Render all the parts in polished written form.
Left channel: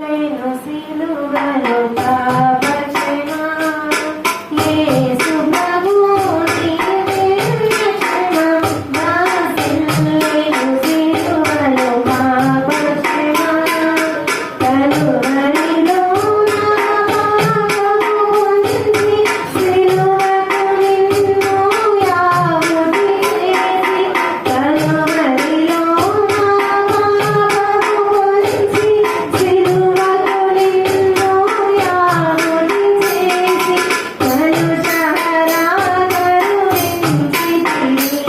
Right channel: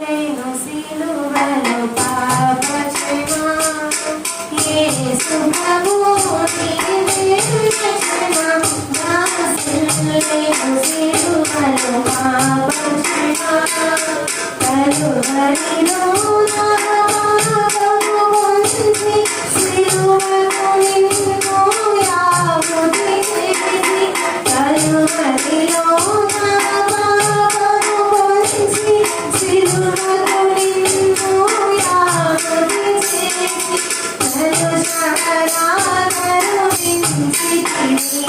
నేను సిలువలో పాపక్షమా యేసు ప్రభు నీవే రక్షణ వాసిల్లేను సిలువలో పాపక్షమా కలువరిలో నా పాపము పొంది సిలువకు నిన్ను యావది చేసి కలువరిలో నా పాపము పొంది సిలువకు నిన్ను యావది చేసి కలుషహరా కరుణించితివి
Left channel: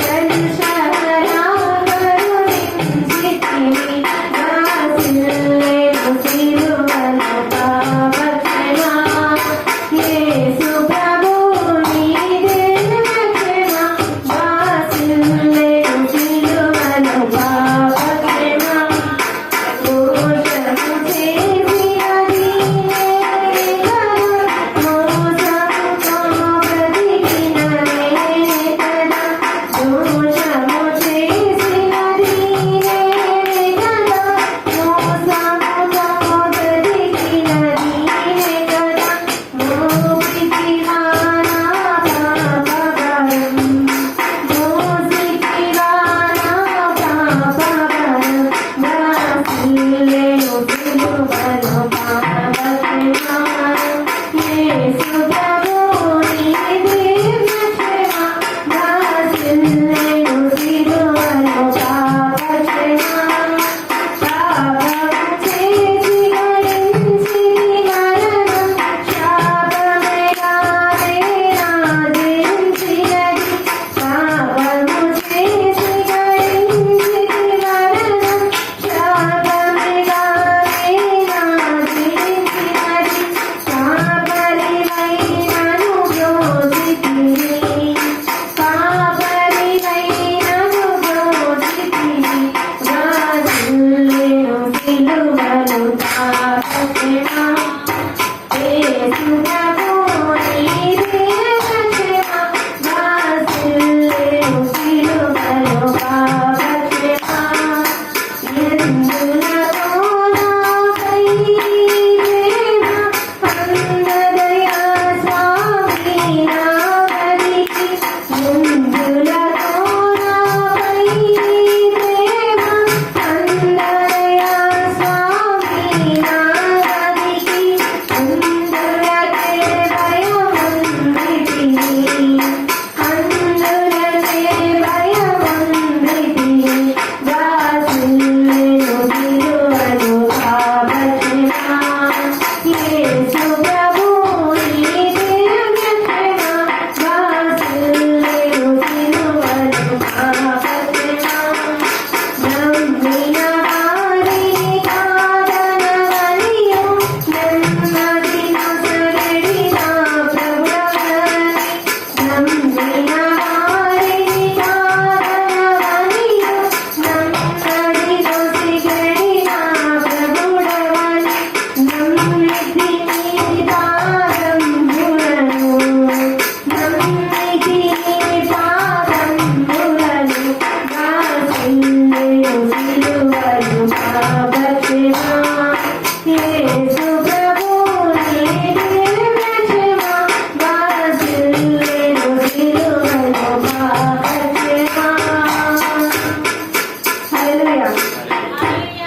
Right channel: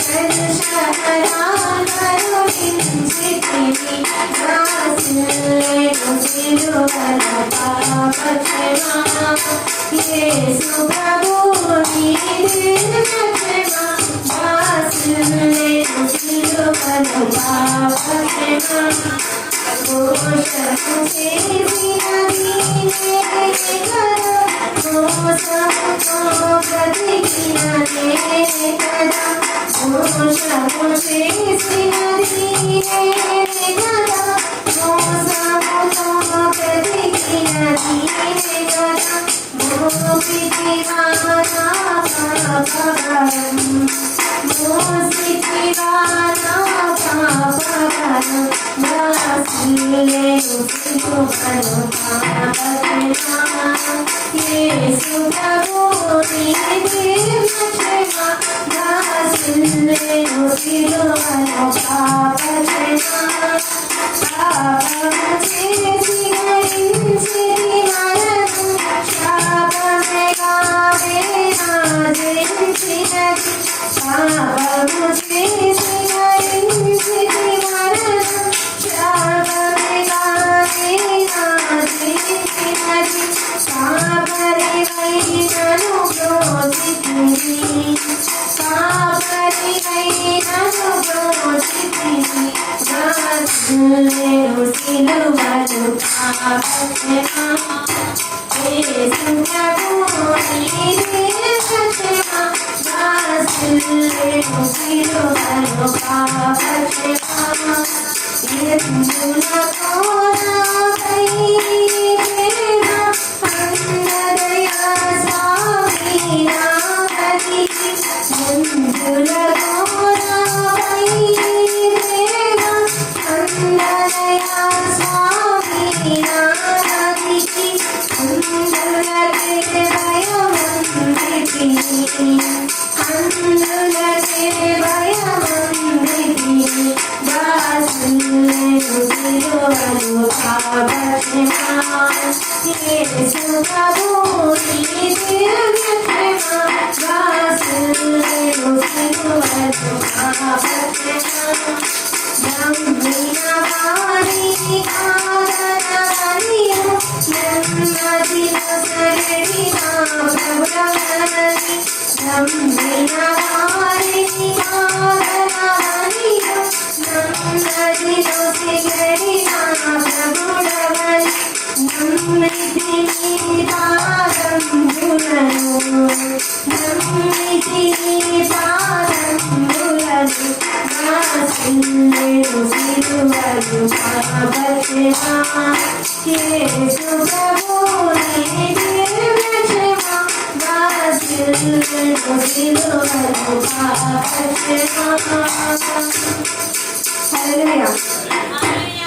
కలుషహరా కరుణించితివి వాసిల్లేను సిలువలో పాపక్షమా యేసు ప్రభు నీవే రక్షణ వాసిల్లేను సిలువలో పాపక్షమా మోసము చేసినది నేనే కదా మోసముతో బ్రతికిన నేనే కదా మోసము చేసినది నేనే కదా మోసముతో బ్రతికిన నేనే కదా మోపితివా నా పాపభారం మోసితివా నా పాపభారం వాసిల్లేను సిలువలో పాపక్షమా యేసు ప్రభు నీవే రక్షణ వాసిల్లేను సిలువలో పాపక్షమా పాపము చేసి గడించితి మరణం శాపమేగానే నా జయించినది పాపము చేసి గడించితి మరణం శాపమేగానే నా జయించినది కాపరివైనను బ్రోచితివి కాపరివైనను బ్రోచితివి వాసిల్లేను సిలువలో పాపక్షమా యేసు ప్రభు నీవే రక్షణ వాసిల్లేను సిలువలో పాపక్షమా ఎందులతో నాపై ప్రేమ కన్నదయా స్వామి నావనికి ఎందులతో నాపై ప్రేమ కన్నదయా స్వామి నావనికి అందులకే భయమందితిని అందులకే భయమందితిని వాసిల్లేను సిలువలో పాపక్షమా యేసు ప్రభు నీవే రక్షణ వాసిల్లేను సిలువలో పాపక్షమా నమ్మిన వారిని కాదనవనియు నెమ్మది నొసగడిన ప్రభుడవని నమ్మిన వారిని కాదనవనియు నెమ్మది నొసగడిన ప్రభుడవని నమ్మితి నీ పాదములను నమ్మితి నీ పాదములను వాసిల్లేను సిలువలో పాపక్షమా యేసు ప్రభు